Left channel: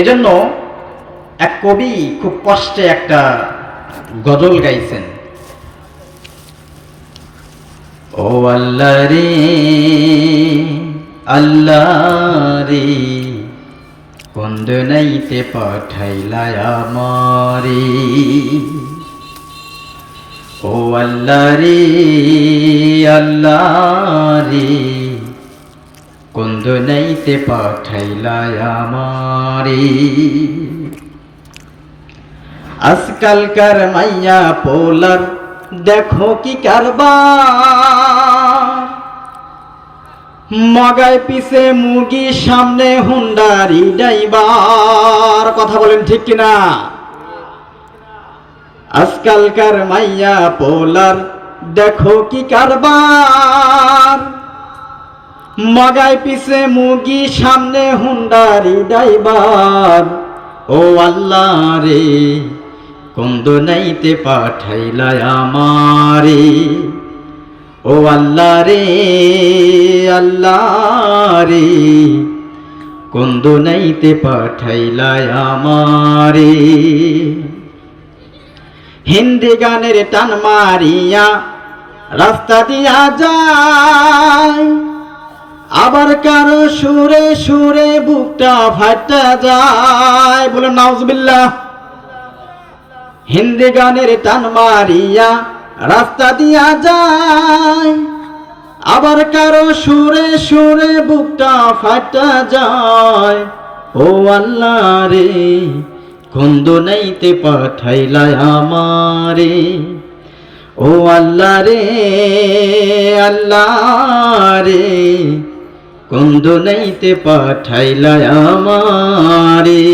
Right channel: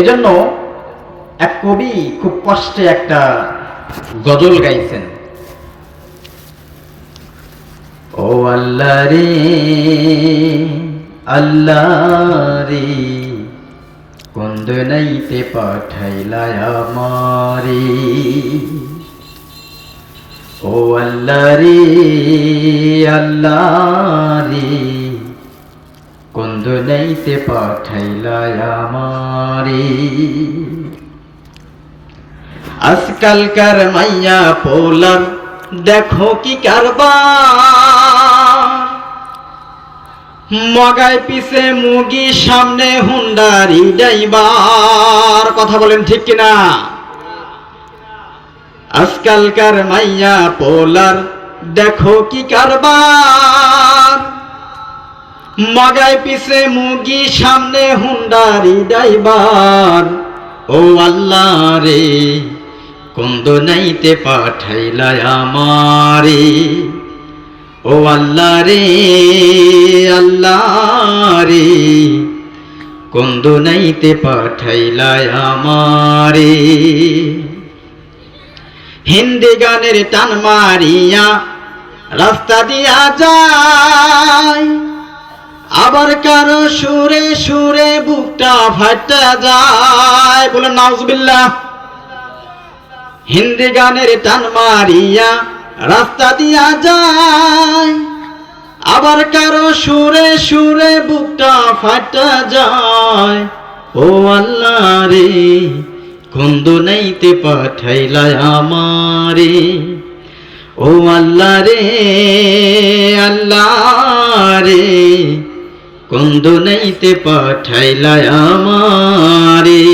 এজন্য এক কবি খুব কষ্টে একটা গজল গাইছেন। ও আল্লাহ রে আল্লাহ রে, কোন দুনিয়াতে পাঠাইলা আমারে। ও আল্লাহ রে আল্লাহ রে, কোন দুনিয়াতে পাঠাইলা আমারে। আজকালকার মাইয়া পোলার দেখো কি কারবার, মগায় পিছে মুগি সামনে হুন্ডারি ড্রাইভার। কথা বলেন ঠিক কিনা? আজকালকার মাইয়া পোলার দেখো কি কারবার, মগায় পিছে মুগি সামনে হুন্ডারি ড্রাইভার। ও আল্লাহ রে, কোন দুনিয়াতে পাঠাইলা আমারে। ও আল্লাহ রে আল্লাহ রে, কোন দুনিয়াতে পাঠাইলা আমারে। হিন্দি গানের টান মারিয়া রাস্তা দিয়া যায়, আবার কারো সুরে সুরে বুকটা ফাটা যায়। বলুন নাউজুবিল্লাহ। হিন্দি গানের টান মারিয়া রাস্তা দিয়া যায়, আবার কারো সুরে সুরে বুকটা ফাটা যায়। ও আল্লাহ রে, কোন দুনিয়াতে পাঠাইলা আমারে। ও আল্লাহ রে আল্লাহ রে, কোন দুনিয়াতে পাঠাইলা আমারে।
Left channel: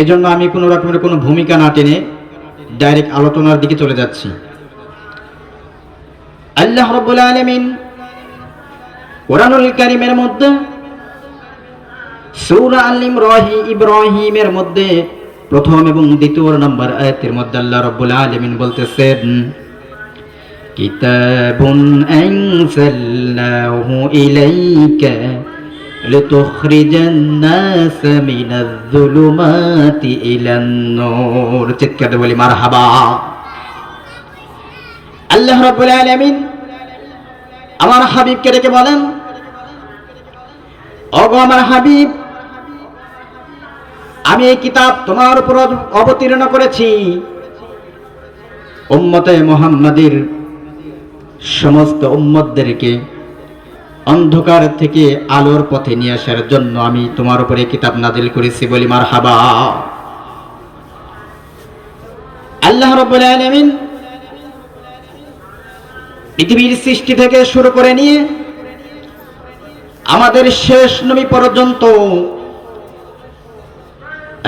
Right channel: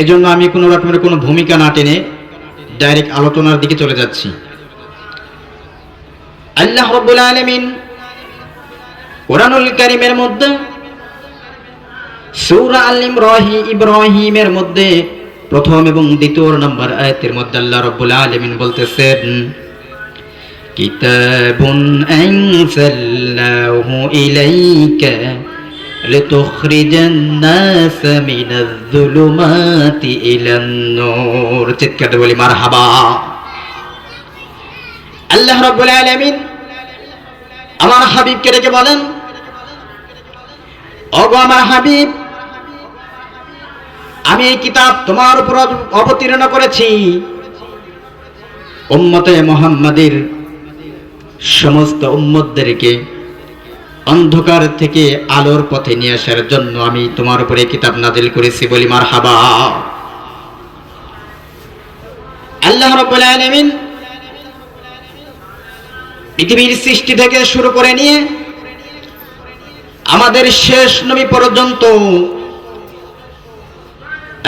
এজন্য আমি কোনো রকমের কোনো ভূমিকা না টেনে ডাইরেক্ট আলোচনার দিকে চলে যাচ্ছি। আল্লাহ রাব্বুল আলামিন কুরআনুল কারীমের মধ্যে সূরা আল ইব্রাহিমের মধ্যে প্রথম এবং দ্বিতীয় নম্বর আয়াতের মধ্যে আল্লাহ রাব্বুল আলামিন বলতেছেন, কিতাবুন আনজালনাহু ইলাইকা লিতুখরিজান নাস মিনাজ যুলুমাতি ইলান নূর। চিৎকার বলি মারহাবা। আল্লাহ রাব্বুল আলামিন আমার হাবিবকে ডেকে বলেন, ওগো আমার হাবিব, আমি এই কিতাব তোমার উপর অবতীর্ণ করেছি উম্মতে মুহাম্মাদের সমস্ত উম্মতদেরকে অন্ধকার থেকে আলোর পথে নিয়ে আসার জন্য আমি তোমার উপরে কিতাব নাজিল করেছি। বলি মারহাবা। আল্লাহ রাব্বুল আলামিন পৃথিবীর সৃষ্টি থেকে শুরু করে নিয়ে আমাদের শেষ নবী পর্যন্ত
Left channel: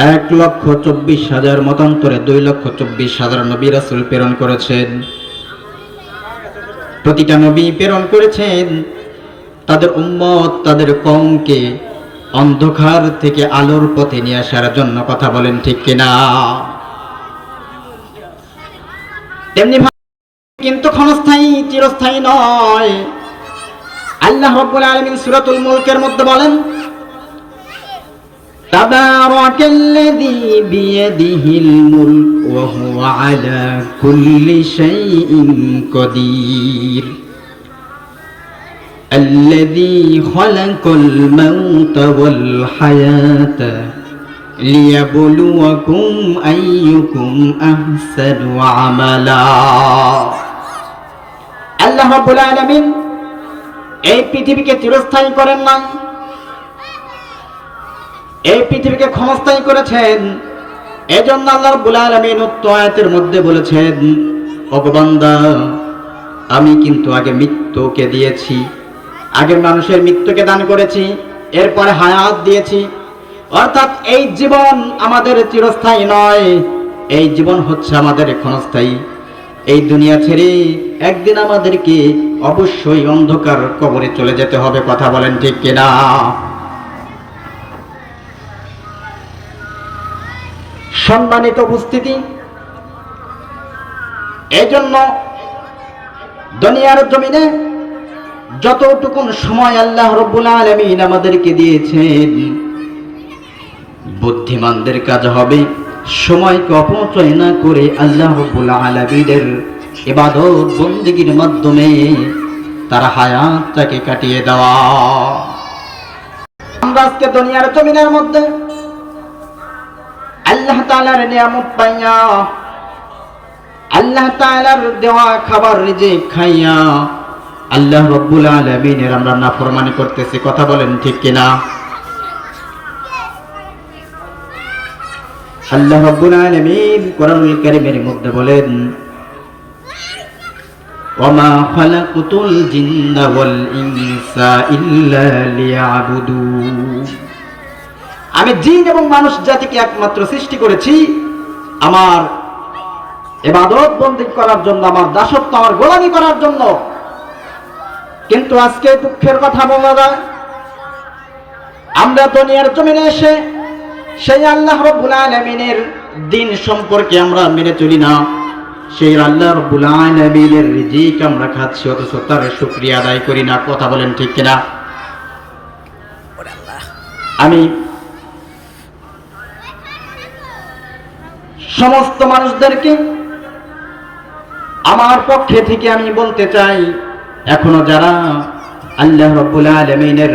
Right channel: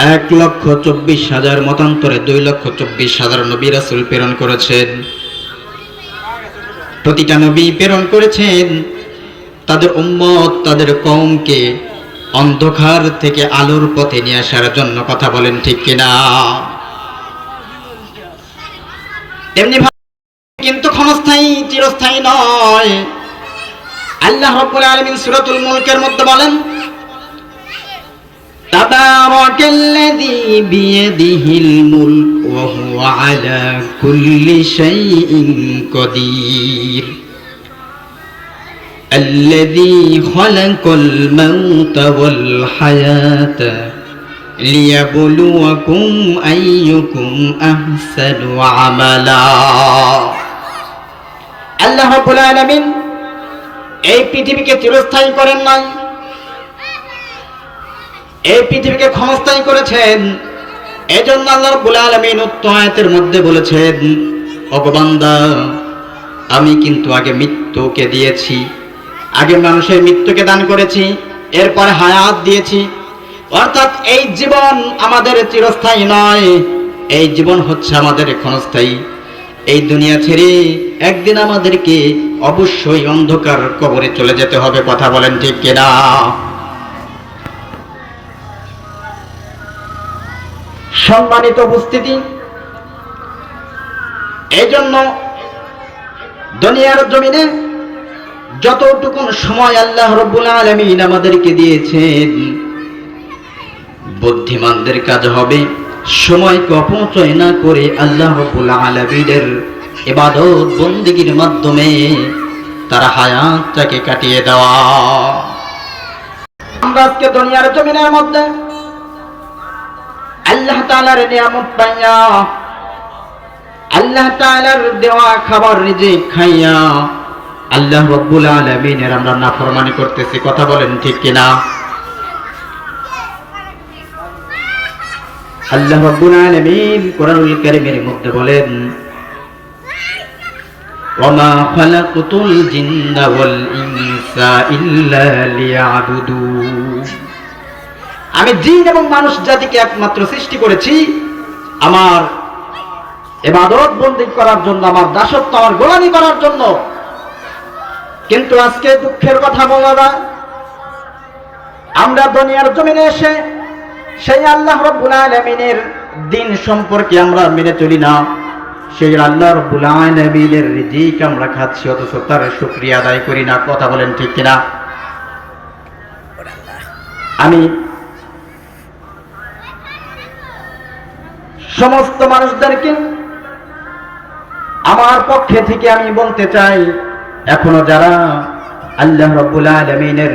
1,24,000 মতান্তরে 2,24,000 নবী রাসূল প্রেরণ করেছেন। প্রতিটা নবী প্রেরণ করেছেন তাদের উম্মত, তাদের কওমকে অন্ধকার থেকে আলোর পথে নিয়ে আসার জন্য। কথা বলেন ঠিক কিনা? তেমনি কিন্তু ক্ষণস্থায়ী চিরস্থায়ী নয়। আল্লাহ রাব্বুল আলামিন সূরাতুল মুলকের মধ্যে বলেন, তাবারাকাল্লাযী বিয়াদিহিল মুলক ওয়া হুয়া আলা কুল্লি শাইইন কাদির, الذي خلق الموت والحياة ليبلوكم أيكم أحسن عملا। আল্লাহ রাব্বুল আলামিন এই পৃথিবীকে চিরস্থায়ী করেন নাই, এই পৃথিবীকে ক্ষণস্থায়ী করেছেন। এজন্য আল্লাহ রাব্বুল আলামিন উক্ত আয়াতের মধ্যে বলেছেন, ওগো বান্দা, আমি কিন্তু আগে মৃত্যুকে দিয়েছি, আগে মানুষের মৃত্যুকে দান করেছি, এরপরে হায়াত দিয়েছি। অর্থাৎ এই জীবন আমাদের চিরস্থায়ী নয়, এই জীবন হচ্ছে আমাদের ক্ষণস্থায়ী। এই দুনিয়া ছেড়ে একদিন আমাদেরকে অবশ্যই অন্ধকার কবরে চলে যেতে হবে। কথা বলেন ঠিক কিনা? সম্মানিত উপস্থিতি, এই জন্য দুনিয়ার জমিনে যতটুকু সময় আল্লাহ রাব্বুল আলামিন আমাদেরকে দিয়েছেন, বুদ্ধিমানদের কাজ হবে সময়কে অপচয় না করে আল্লাহ রাব্বুল আলামিনের ইবাদত বন্দেগীর মাধ্যমে তার হায়াতটাকে কাটিয়ে দেওয়া। আমরা আজকে দুনিয়ার জমিনের মধ্যে আল্লাহ তাআলার নিয়ামত পাইয়া, আল্লাহ তাআলার দেওয়া খাবার রিজিক খাইয়া আল্লাহ রাব্বুল আলামিনের আমরা নাফরমানি করতেছি। কথা বলেন ঠিক কিনা? আল্লাহ রাব্বুল আলামিন কোরআনুল কারীমের মধ্যে বলেন, ওয়ামা খালাকতুল জিন্না ওয়াল ইনসা ইল্লা লিয়াবুদুন। আমি জিন এবং মানুষ জাতিকে একমাত্র সৃষ্টি করেছি আমার ইবাদত বন্দেগী করার জন্য, আমার দাসত্ব, আমার গোলামি করার জন্য। কিন্তু আজকে দুঃখের কথা বলা যায়, আমরা দুনিয়ার জমিনে এসে সেই আল্লাহ রাব্বুল আলামিনের দ্বীন সম্পর্কে আমরা মেনে চলি না। সেই আল্লাহ রাব্বুল আলামিনের রিজিক আমরা খাচ্ছি, অথচ তার শুকরিয়া আদায় করি না। কথা বলেন ঠিক কিনা? আমি সমস্ত মানুষদেরকে আমার পক্ষে থেকে আমি বলতে চাই, এখনো যারা আল্লাহ রাব্বুল আলামিনের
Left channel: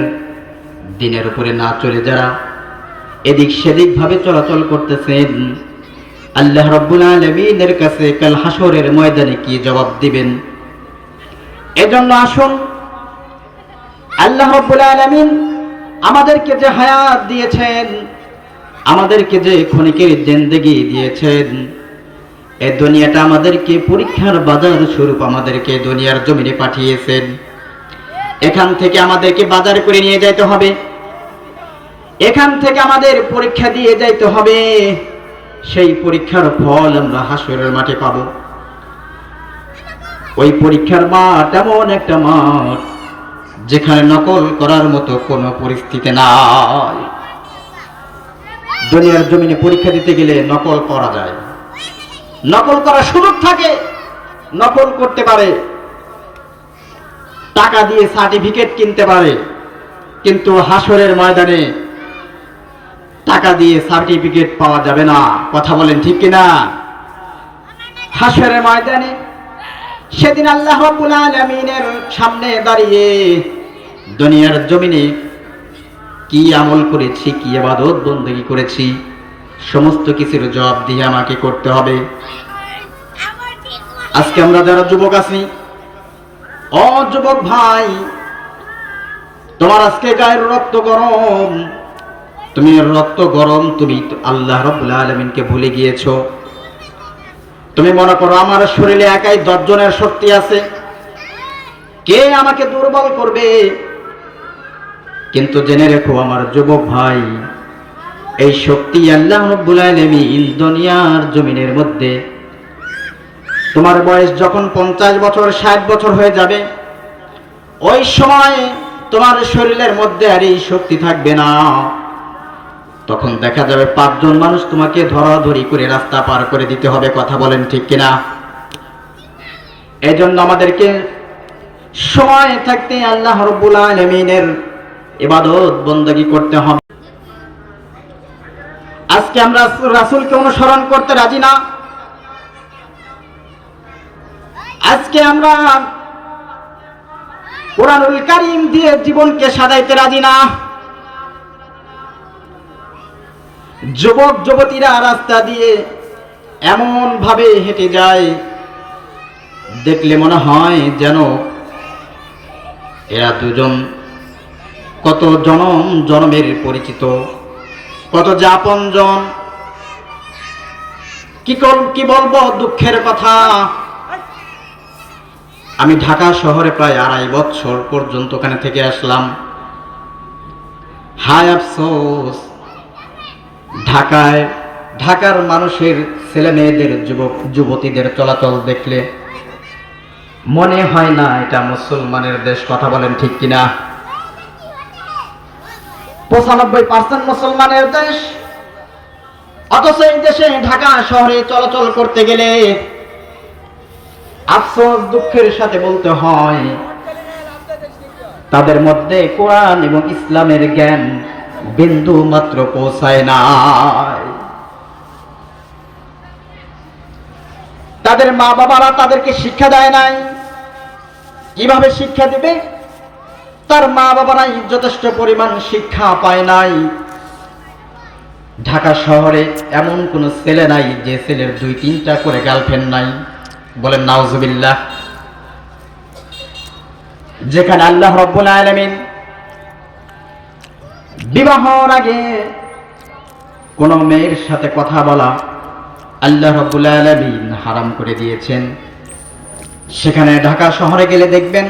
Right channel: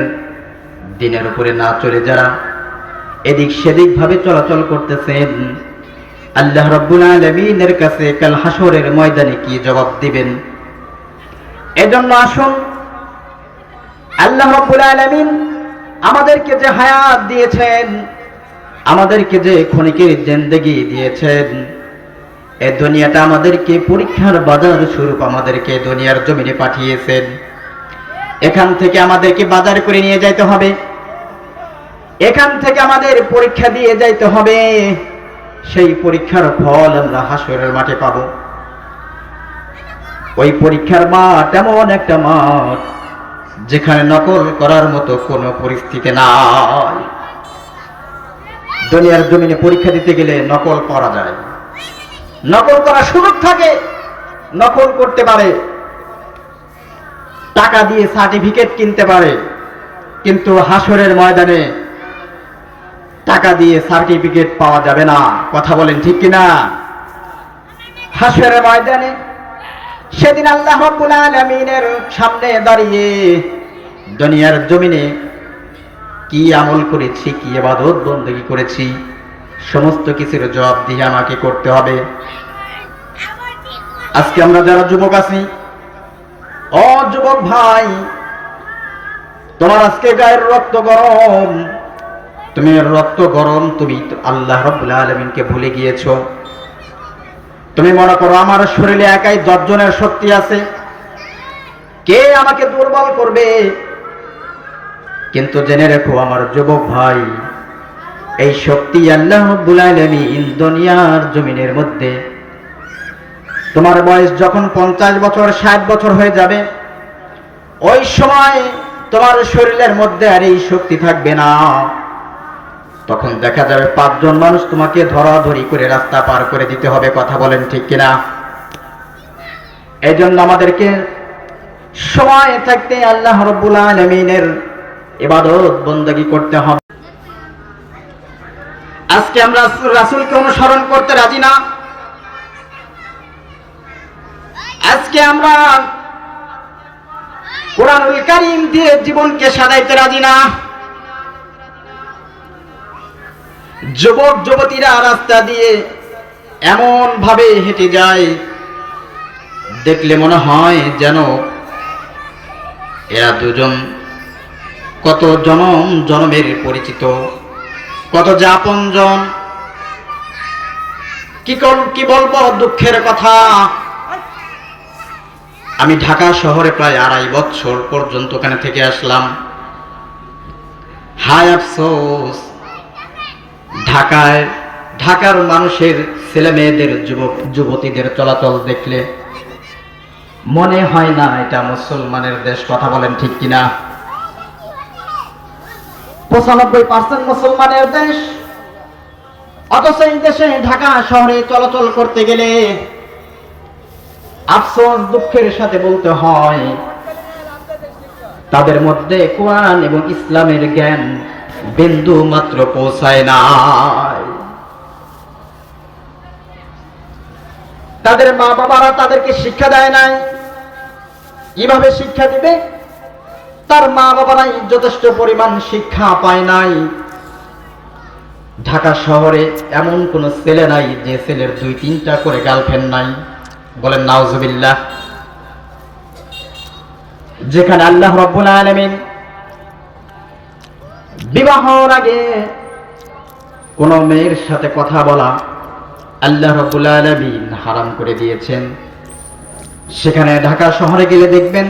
দ্বীনের উপরে না চলে যারা এদিক সেদিক ভাবে চলাচল করতেছেন, আল্লাহ রাব্বুল আলামিনের কাছে কাল হাসরের ময়দানে কি জবাব দিবেন? এজন্য আসুন, আল্লাহ রাব্বুল আলামিন আমাদেরকে যে হায়াত দিয়েছেন, আমাদেরকে যে ক্ষণিকের জিন্দেগি দিয়েছেন, এই দুনিয়াটা আমাদেরকে পরীক্ষার বাজার স্বরূপ আমাদেরকে দুনিয়ার জমিনে পাঠিয়েছেন। এখান থেকে আমাদেরকে বাজার করে নিয়ে যাইতে হবে, এখান থেকে আমাদের পরীক্ষা দিয়ে যাইতে হবে। সেই পরীক্ষার ফল আমরা হাসরের মাঠে পাব। ওই পরীক্ষার মাঠ এমন একটা মাঠ যেখানে নকল করার মতো কোনো পরিস্থিতি নাই। দুনিয়ার জমিনে পরীক্ষা দিতে গেলে নকল করা যায়, নকল করার সুযোগ থাকে, নকল করতে পারে, টাকা দিয়ে সার্টিফিকেট কিনতে পারে। কিন্তু হাসরের ময়দানে টাকা দিয়ে সার্টিফিকেট পাওয়া যাবে না। কথা বলেন ঠিক কিনা? হাসরের ময়দানে সেদিন আল্লাহ রাব্বুল আলামিনের সামনে দাঁড়িয়ে দুনিয়ার জমিনে কি আমল করেছি, কি ইবাদত বন্দেগী করেছি, সমস্ত কিছুর জবাব দিয়ে আমাকে করতে হবে। আজকে আমরা যারা যুবক আছি, ও যুবক ভাই, তোমার আজকে গায়ের রক্ত গরম, তুমি রক্ত গরম, তুমি আল্লাহ রাব্বুল আলামিনকে ভুলে গিয়েছো। তুমি মনে করো আমার শরীরে একাই 10 জনের শক্তি আছে, কে আমাকে দুর্বল করবে? কিন্তু জেনে রেখো আমার যুবক ভাই, এই শক্তি আল্লাহ রাব্বুল আলামিন দুনিয়ার জমিনের মধ্যে, তোমার বয়স যখন 50 বছর 60 বছর হয়ে যাবে, ওই সময় তোমার শরীরের মধ্যে আর এই শক্তি থাকবে না। তখন দেখা যাবে 5 জন মানুষ তোমাকে ধরাধরি করে রাস্তা পার করে দিতে হবে। কথা বলেন ঠিক কিনা? এই জন্য আমাদেরকে সময় থাকতে আল্লাহ রাব্বুল আলামিনের ইবাদত বন্দেগী করতে হবে। আজকে আমরা রাসূলকে অনুসরণ করতে রাজি না। আজকে আমরা কোরআনুল কারীম দিয়ে জীবনকে সাজাইতে রাজি না। যুবক যুবতীরা রাস্তা দিয়ে এমন ভাবে হেঁটে যায়, দেখলে মনে হয় যেন এরা দুজন কত জনম জনমের পরিচিত, কত যে আপনজন। কি বলবো দুঃখের কথা, আমি ঢাকা শহরে প্রায় 2.5 বছর পর্যন্ত ওখানে থেকে আসলাম। হায় আফসোস, ঢাকার মানুষের ছেলে মেয়েদের, যুবক যুবতীদের চলাচল দেখলে মনে হয় না এটা মুসলমানের দেশ। কথা বলেন ঠিক কিনা? 95% মুসলমানের দেশ, অথচ এই দেশে ঢাকা শহরে চলাচল করতে গেলে আফসোস দুঃখের সাথে বলতে হয় তাদের মধ্যে কোরআন এবং ইসলামের জ্ঞান বিন্দু মাত্র পৌঁছায় নাই। তাদের মা বাবারা তাদেরকে শিক্ষা দেয় নাই। কিভাবে শিক্ষা দিবে? তার মা বাবারা যথেষ্ট পরিমাণ শিক্ষা পায় নাই। ঢাকা শহরে এমন কোন ছেলে নাই যে ছেলের 2-3টা করে গার্লফ্রেন্ড নাই। বলেন নাউজুবিল্লাহ। যেখানে আল্লাহ রাব্বুল আলামিন বিবাহের আগে কোন মেয়ের সাথে কথা বলা আল্লাহ রাব্বুল আলামিন হারাম করে দিয়েছেন, সেখানে ঢাকা শহরে গেলে দেখবেন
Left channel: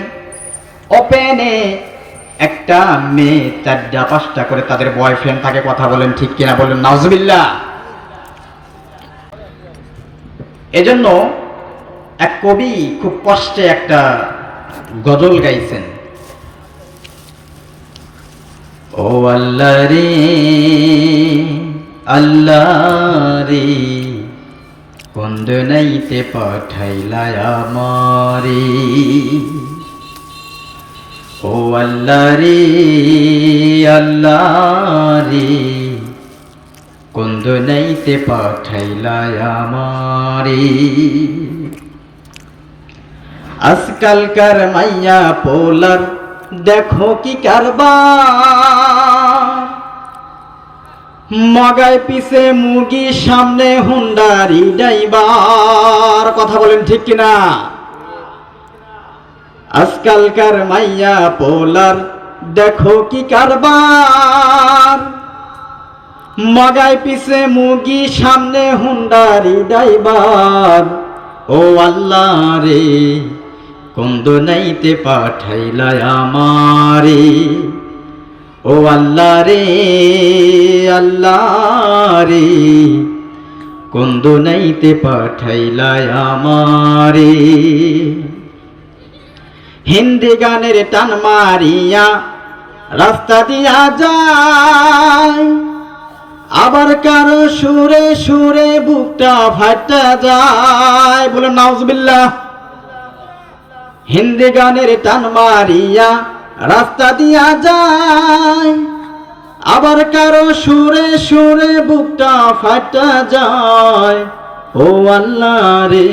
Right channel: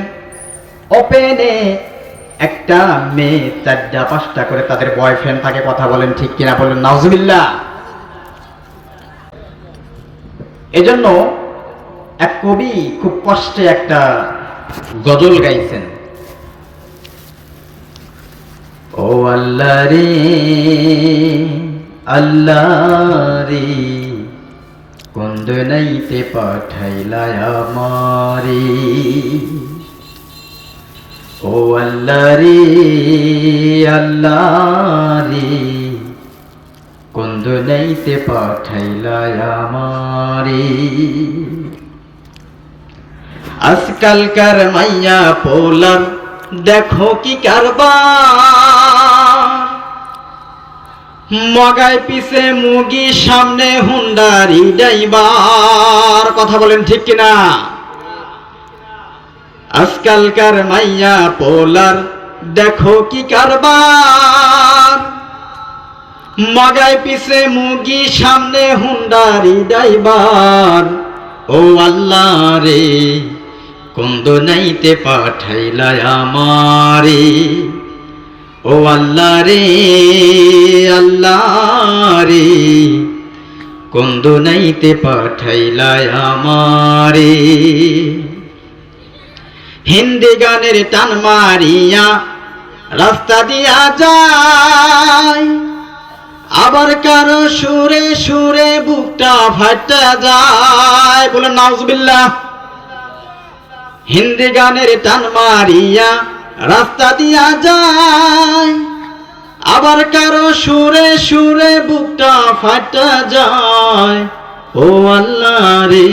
ওপেনে একটা মেয়ে 4টা-5টা করে তাদের বয়ফ্রেন্ড থাকে। কথা বলেন ঠিক কিনা? বলেন নাউজুবিল্লাহ। এজন্য এক কবি খুব কষ্টে একটা গজল গাইছেন। ও আল্লাহ রে আল্লাহ রে, কোন দুনিয়াতে পাঠাইলা আমারে। ও আল্লাহ রে আল্লাহ রে, কোন দুনিয়াতে পাঠাইলা আমারে। আজকালকার মাইয়া পোলার দেখো কি কারবার, মগায় পিছে মুগি সামনে হুন্ডারি ড্রাইভার। কথা বলেন ঠিক কিনা? আজকালকার মাইয়া পোলার দেখো কি কারবার, মগায় পিছে মুগি সামনে হুন্ডারি ড্রাইভার। ও আল্লাহ রে, কোন দুনিয়াতে পাঠাইলা আমারে। ও আল্লাহ রে আল্লাহ রে, কোন দুনিয়াতে পাঠাইলা আমারে। হিন্দি গানের টান মারিয়া রাস্তা দিয়া যায়, আবার কারো সুরে সুরে বুকটা ফাটা যায়। বলে নাউজুবিল্লাহ। হিন্দি গানের টান মারিয়া রাস্তা দিয়া যায়, আবার কারো সুরে সুরে বুকটা ফাটা যায়। ও আল্লাহ রে,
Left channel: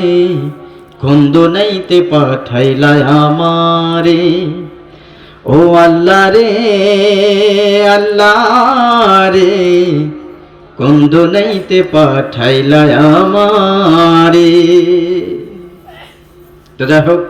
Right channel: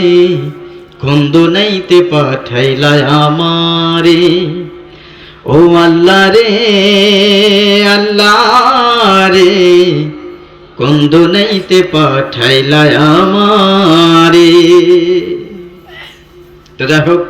কোন দুনিয়াতে পাঠাইলা আমারে। ও আল্লাহ রে আল্লাহ রে, কোন দুনিয়াতে পাঠাইলা আমারে। তো যাই হোক,